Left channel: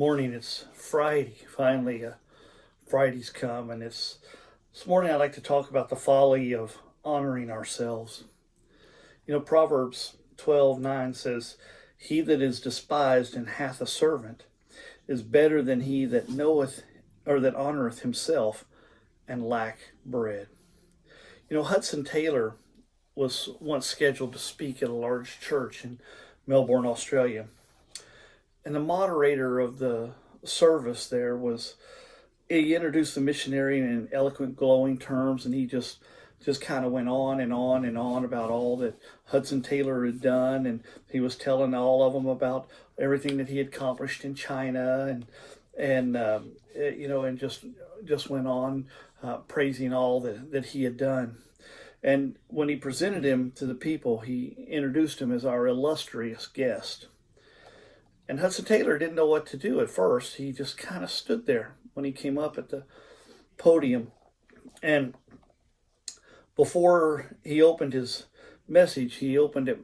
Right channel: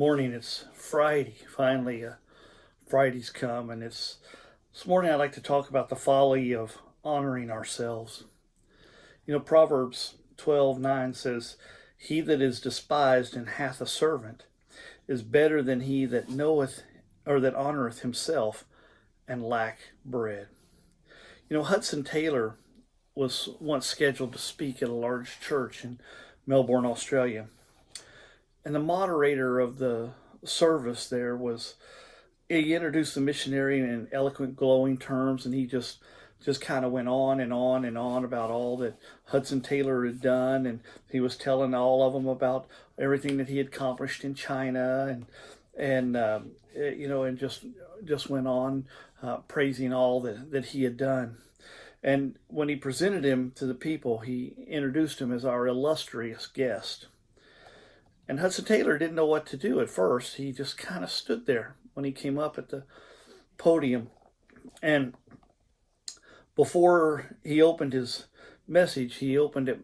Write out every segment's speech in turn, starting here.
Morning. It's Friday. Finally, Friday's come, and this morning I'd like to talk about the folly of honoring ourselves. Proverbs 12:9 says, "He that is despised and hath a servant is better than he that knoweth or that honoreth himself and lack bread." Hudson Taylor was once scheduled to speak at a large church in Melbourne, Australia. And the moderator of the service there he introduced the missionary in eloquent, glowing terms, and he just kind of went on and on and on about all that Hudson Taylor had done, and he was telling all of them about everything that he had accomplished in China, and just went on praising all that he had done. And when he presented him to the people, he introduced him as our illustrious guest. And Hudson Taylor didn't know what to do at first. He just kind of stood there when he came up at the podium. And before he opened his message, he opened it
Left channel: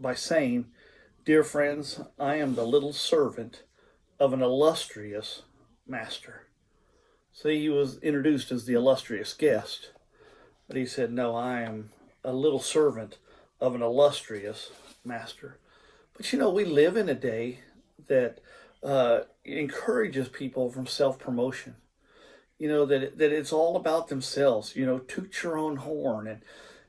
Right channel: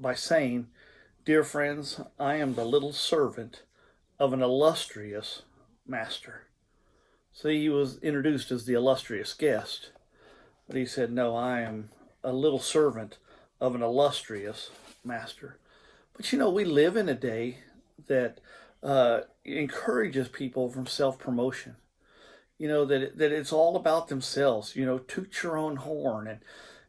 by saying, "Dear friends, I am the little servant of an illustrious master." So he was introduced as the illustrious guest. But he said, "No, I am a little servant of an illustrious master." But we live in a day that encourages people from self-promotion. That it's all about themselves. Toot your own horn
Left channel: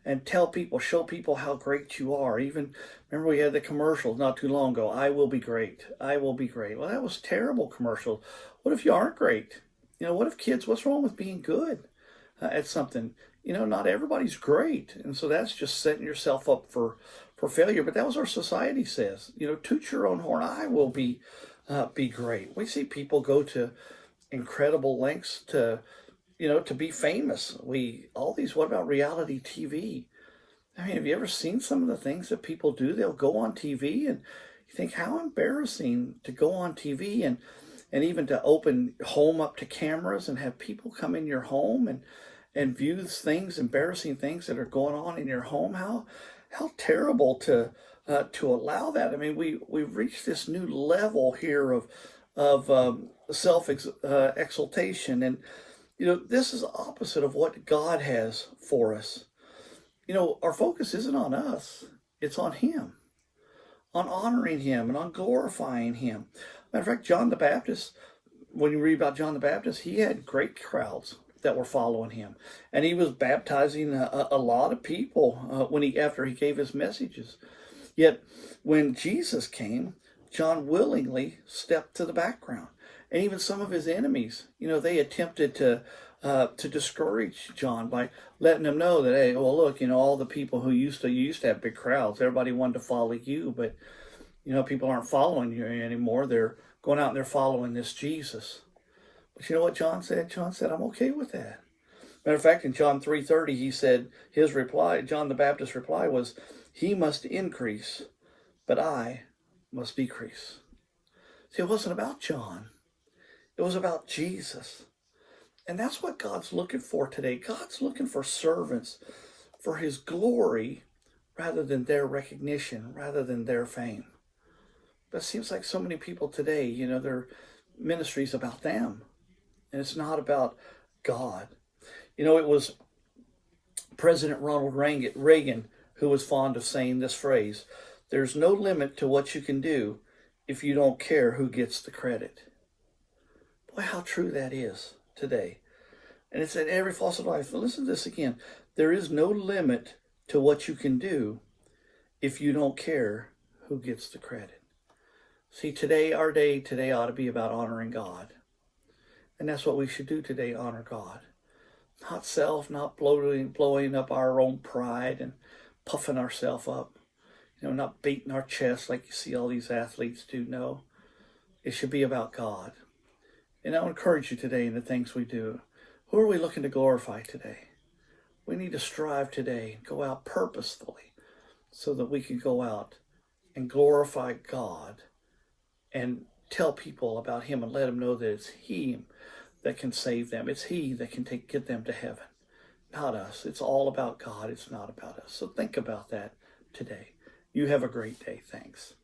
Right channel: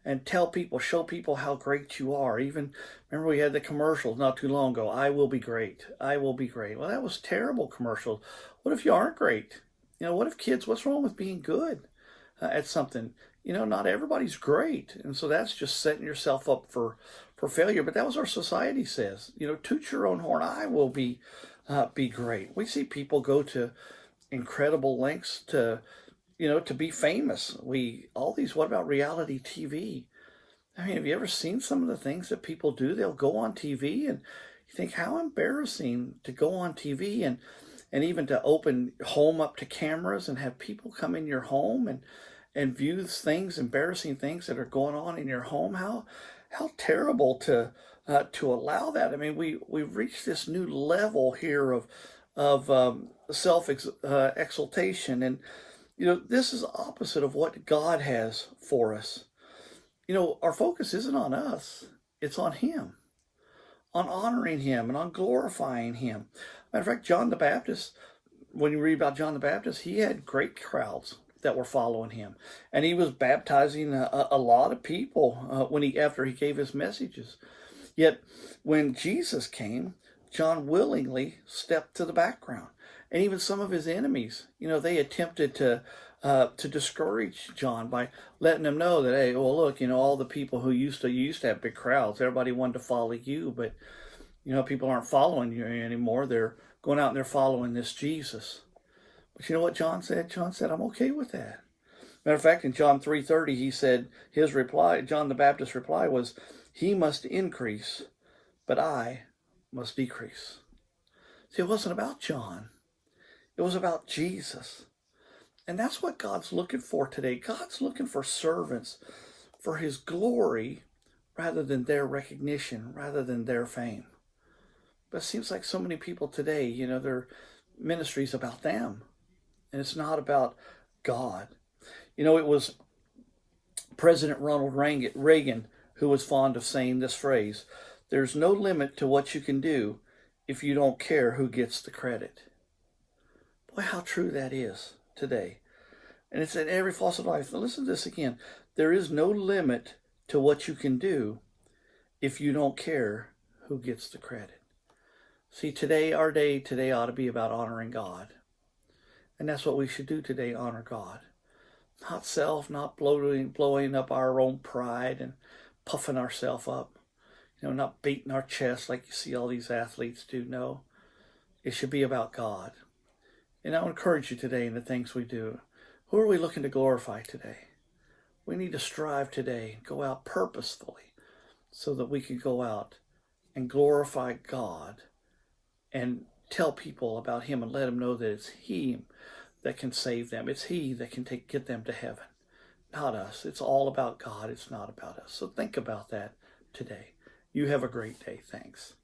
and tell people, show people how great you are. Even, remember we had the commercial not too long ago, "I will be great, I will be great." Well, that was a terrible commercial. What if you aren't great? What's wrong with being good at something? Not everybody's great. And so that's just setting yourself up for failure. But that was our society says. Toot your own horn. I will be great. We see people go to incredible lengths to be famous. What about reality TV? I mean, have you ever seen some of the things that people do? They'll go on TV and you think, how embarrassing to go on TV and even to open home up to cameras and have people come in your home and view things, embarrassing things that are going on in your home. How terrible to allow that. I mean, we've reached this new level here of self exaltation, and this is opposite of what God has for us. Our focus isn't on us; it's on Him, on honoring Him and on glorifying Him. Matter of fact, John the Baptist. When you read about John the Baptist, he had great crowds that were following him, and he was baptizing a lot of people after he gave his messages. Yet when Jesus came, John willingly stepped to the background, and even some of his enemies, they attempted to discourage John by letting him know that, hey, well, look, all the people who used to have big crowds, everybody wanted to follow you, but people aren't following you anymore. They're going out and they're following this Jesus. But you know what John said? John said, "I'm okay with that." Matter of fact, in John 3:30, he said, John the Baptist's reply was, "He must increase, but I must decrease." See, it wasn't about John. It was about Jesus. And that's what God's looking for today. God's looking for servants for His glory rather than their recognition, rather than their fame. But it seems like so many people today, their ministry's about them. And it's not about God. It was President Ronald Reagan who was fond of saying this phrase: "There's no limit to what you can do if you don't care who gets the credit." Boy, how true that is today. And it's in every facet of life. Now listen to this again. There is no limit to what you can do if you don't care who gets the credit. See, our day today ought to be about honoring God. And that's what we should do today, honor God. Not self, not blowing up our own pride and puffing ourselves up. Not beating our chest like you see all these athletes do. No, it should be about God. And I would encourage you today in the things we do. Who are we looking to glorify today? We need to strive today and go out purposefully so that we can go out and glorify God and tell people about Him and let them know that it's He that can save them. It's He that can get them to heaven, not us. It's all about God. It's not about us. So think about that today. You have a great day. Thanks.